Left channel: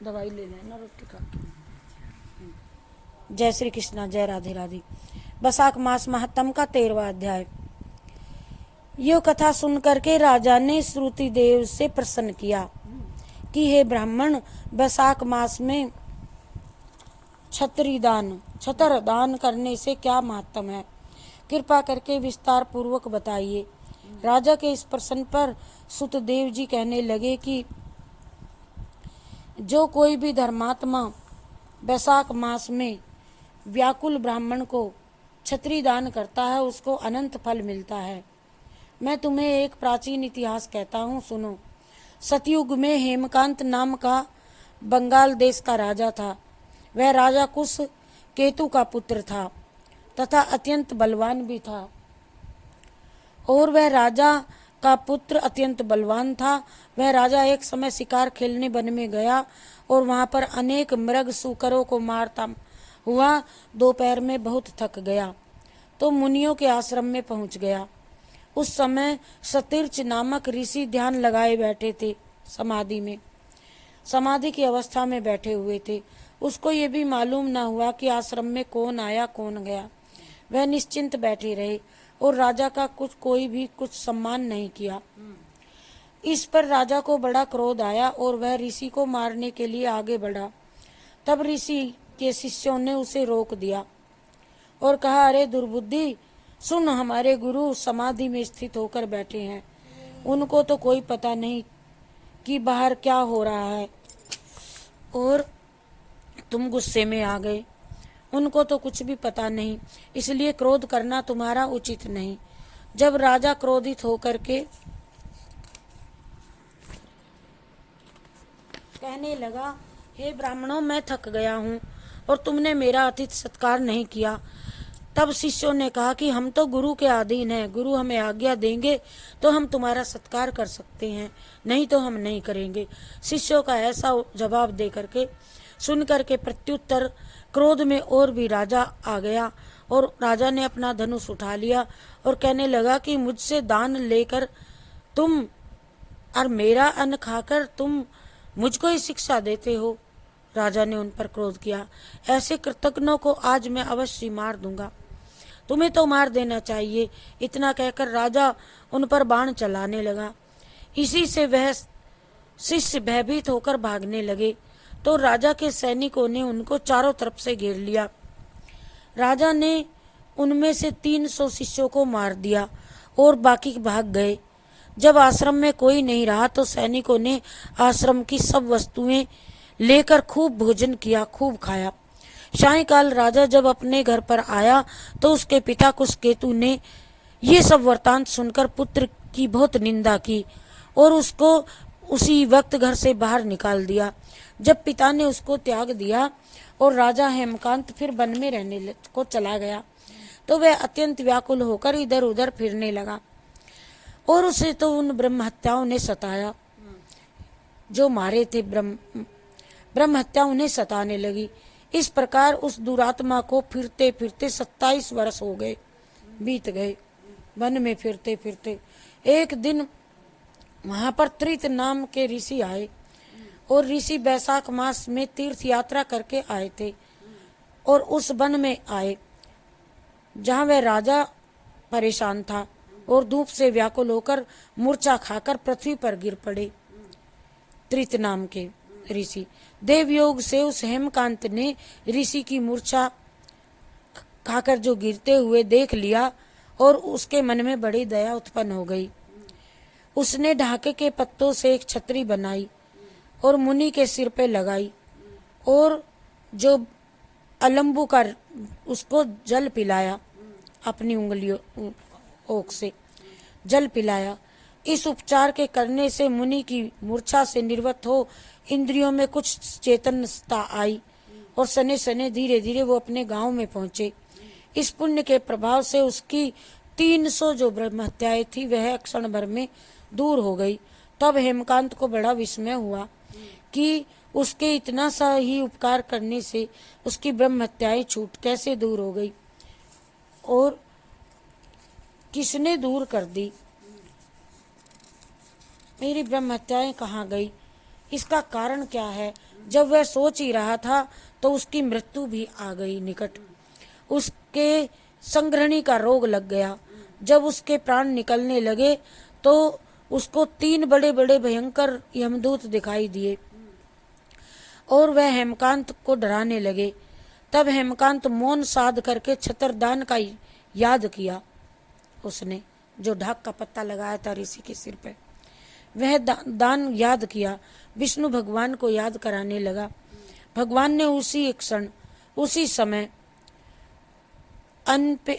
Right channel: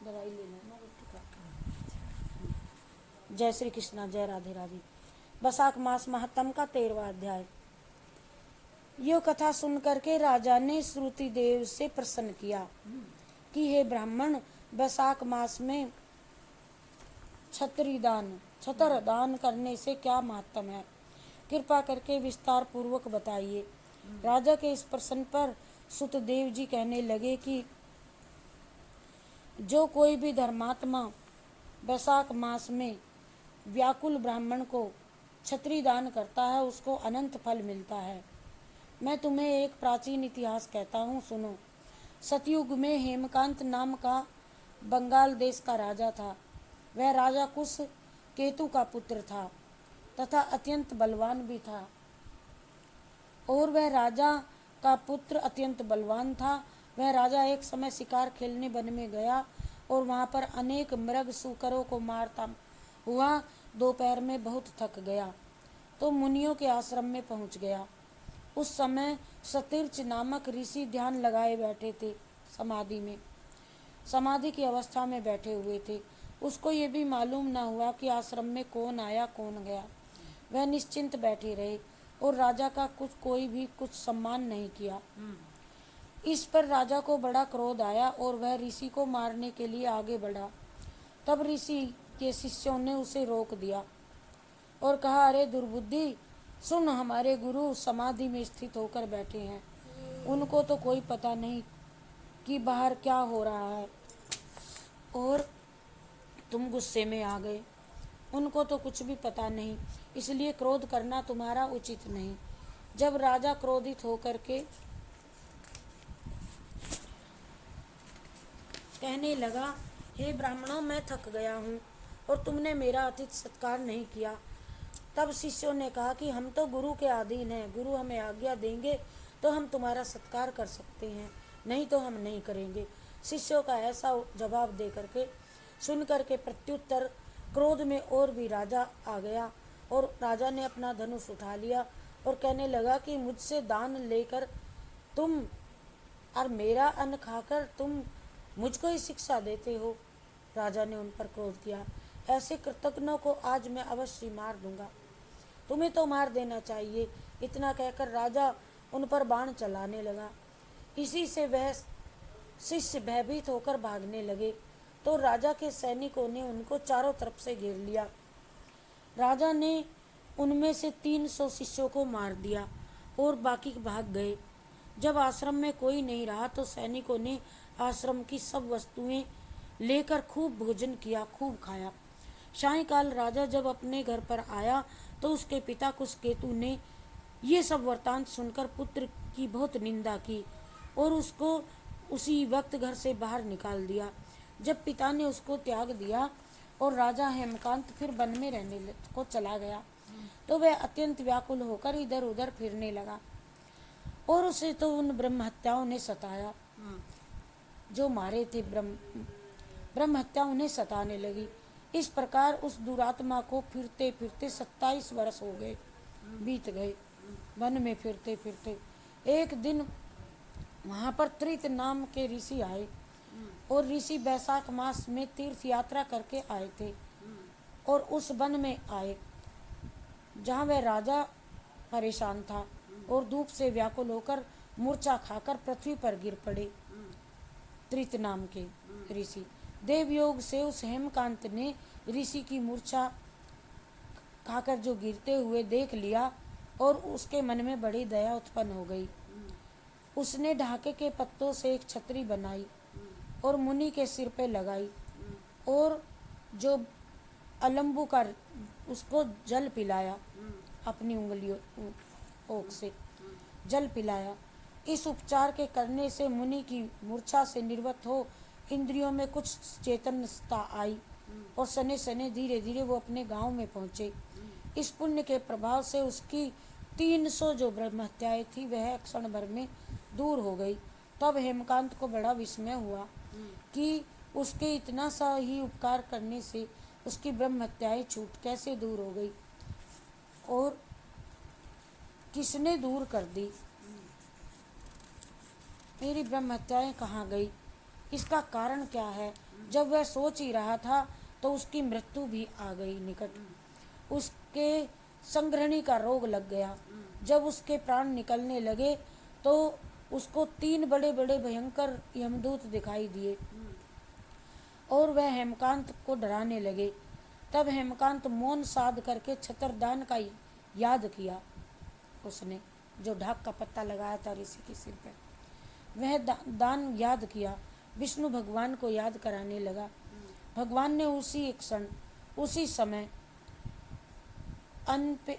दवाई ले लेना रोटी खा के। जय श्री कृष्णा, जय राधे राधे। वैशाख मास महात्म का 13वां अध्याय। यो कथा सुनकर के राजा ने श्रुति देव से प्रश्न किया कि हे ब्राह्मण, वैशाख मास में छतर दान करने से क्या महत्व है? कृपा करके विस्तार पूर्वक बताइए। राजा के इस प्रश्न पर सुतदेव जी कहने लगे कि जो कोई भी धर्मात्मा वैशाख मास में व्याकुल ब्राह्मण को छत्री दान करता है उसको अनंत फल मिलता है। मैं तुम्हें एक प्राचीन इतिहास कहता हूँ, सुनो। सतयुग में हेमकांत नाम का बंगाल देश का राजा था। वह राजा कुश केतु का पुत्र था तथा अत्यंत बलवान भी था। और वह राजा का पुत्र अत्यंत बलवान था। वह राजा एक समय शिकार खेलने वन में गया और वहां पर अनेक मृग सूकरों को मारता हुआ दोपहर में बहुत थक गया तो मुनियों के आश्रम में पहुंच गया। उस समय सतीर्थ नामक ऋषि ध्यान लगाए बैठे थे, समाधि की अवस्था में बैठे हुए थे। उसको ये भी मालूम न हुआ कि आश्रम में कौन आया कौन गया। वह निश्चिंत बैठे रहे और राजा का कोई भी कुछ सम्मान नहीं किया। इस पर राजा को बड़ा क्रोध आया और वह ऋषि को मारने के लिए आगे बढ़ा। तब ऋषि के शिष्यों ने उसे रोक दिया और कहा, अरे दुर्बुद्धि, सुन, हमारे गुरु समाधि में स्थित होकर बैठे हैं। उनको तो कोई पता नहीं कि बाहर क्या हो रहा है और तुम गुस्से में आ गए। उनको तो कुछ भी पता नहीं, इसलिए क्रोध करना तुम्हारा उचित नहीं। जब राजा क्रोधित होकर के कहने लगा, हे ब्राह्मणों, मैं थक गया हूँ और तुमने मेरा अतिथि सत्कार नहीं किया। तब शिष्यों ने कहा कि हम तो गुरु के अधीन हैं, गुरु हमें आज्ञा देंगे तो हम तुम्हारा सत्कार कर सकते हैं, नहीं तो हम नहीं करेंगे। शिष्यों का ऐसा जवाब दे करके सुन करके प्रत्युत्तर क्रोध में और भी राजा आ गया और राजा ने अपना धनुष उठा लिया और कहने लगा कि मुझसे दान लेकर तुम और मेरा अन्न खाकर तुम मुझको ही शिक्षा देते हो। राजा ने उन पर क्रोध किया, ऐसे कृतज्ञों को आज मैं अवश्य मार दूंगा, तुम्हें तो मार देना चाहिए। इतना कहकर राजा उन पर बाण चलाने लगा। इसी से वह शिष्य भयभीत होकर भागने लगे तो राजा के सैनिकों ने उनको चारों तरफ से घेर लिया। राजा ने उनमें से 300 शिष्यों को मार दिया और बाकी भाग गए। जब आश्रम में कोई नहीं रहा तो सैनिकों ने आश्रम की सब वस्तुएं लेकर खूब भोजन किया, खूब खाया। सायंकाल राजा जब अपने घर पर आया तो उसके पिता कुशकेतु ने ये सब वृतांत सुनकर पुत्र की बहुत निंदा की और उसको उसी वक्त घर से बाहर निकाल दिया। जब पिता ने उसको त्याग दिया और राजा हेमकांत फिर वन में रहने को चला गया तो वह अत्यंत व्याकुल होकर इधर उधर फिरने लगा और उसे तो उन ब्रह्म हत्याओं ने सताया, जो मारे थे ब्रह्म हत्या उन्हें सताने लगी। इस प्रकार उस दुरात्मा को फिरते फिरते 27 वर्ष हो गए, बीत गए वन में फिरते फिरते। एक दिन वहां पर त्रित नाम के ऋषि आए और ऋषि वैशाख मास में तीर्थ यात्रा करके आए थे और उस वन में आए जहां वह राजा परेशान था और धूप से व्याकुल होकर मूर्छा खाकर पृथ्वी पर गिर पड़े। त्रित नाम के ऋषि देवयोग से उस हेमकांत ने ऋषि की मूर्छा खाकर जो गिरते हुए देख लिया और उसके मन में बड़ी दया उत्पन्न हो गई। उसने ढाके के पत्तों से एक छतरी बनाई और मुनि के सिर पे लगाई और जो अलम्बू का उसको जल पिलाया, अपनी उंगलियों ओक से जल पिलाया। इस उपचार के करने से मुनि की मूर्छा से निर्वत हो इंद्रियों में कुछ चेतनता आई और सने सने धीरे धीरे वो अपने गांव में पहुंचे। इस पुण्य के प्रभाव से उसकी 300 जो ब्रह्म हत्याएं थी वह क्षण भर में दूर हो गई। तब हेमकांत को बड़ा विस्मय हुआ कि उसके इतना सा ही उपकार करने से उसकी ब्रह्म हत्याएं छूट कैसे दूर हो गई और किसने दूर कर दी, मेरी ब्रह्म हत्याएं कहाँ गई। इसका कारण क्या है? जब वह सोच ही रहा था तो उसकी मृत्यु भी आ गई निकट। उसके संग्रहणी का रोग लग गया। जब उसके प्राण निकलने लगे तो उसको 3 बड़े बड़े भयंकर यमदूत दिखाई दिए और वह हेमकांत को डराने लगे। तब हेमकांत मौन साध करके छत्रदान का याद किया। उसने जो ढाक का पत्ता लगाया था ऋषि के सिर पे, वह दान याद किया। विष्णु भगवान को याद कराने लगा। भगवान ने उसी क्षण उसी समय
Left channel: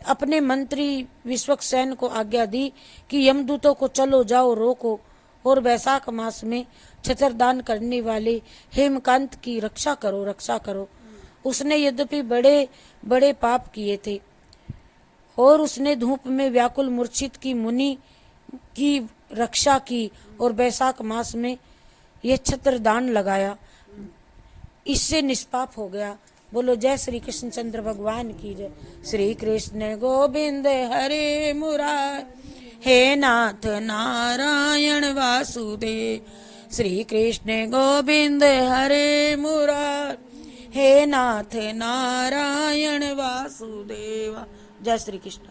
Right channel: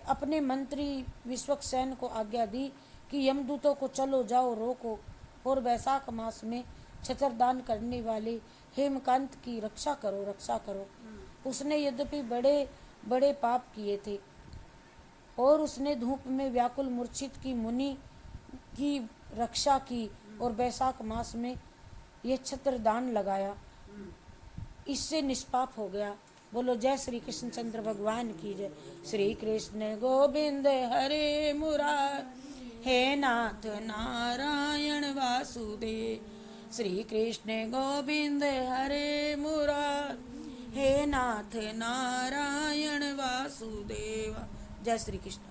अपने मंत्री विश्वक्सेन को आज्ञा दी कि यमदूतों को चलो जाओ रोको और वैशाख मास में छत्रदान करने वाले हेमकांत की रक्षा करो, रक्षा करो। उसने यद्यपि बड़े बड़े पाप किए थे और उसने धूप में व्याकुल मूर्छित की मुनि की रक्षा की और वैशाख मास में यह छत्रदान लगाया, इससे निष्पाप हो गया। बोलो जय श्री कृष्ण चंद्र भगवान की जय। श्री कृष्ण गोविंद हरे मुरार, हे नाथ नारायण वासुदेव। श्री कृष्ण गोविंद हरे मुरार, हे नाथ नारायण वासुदेव। जय श्री कृष्ण।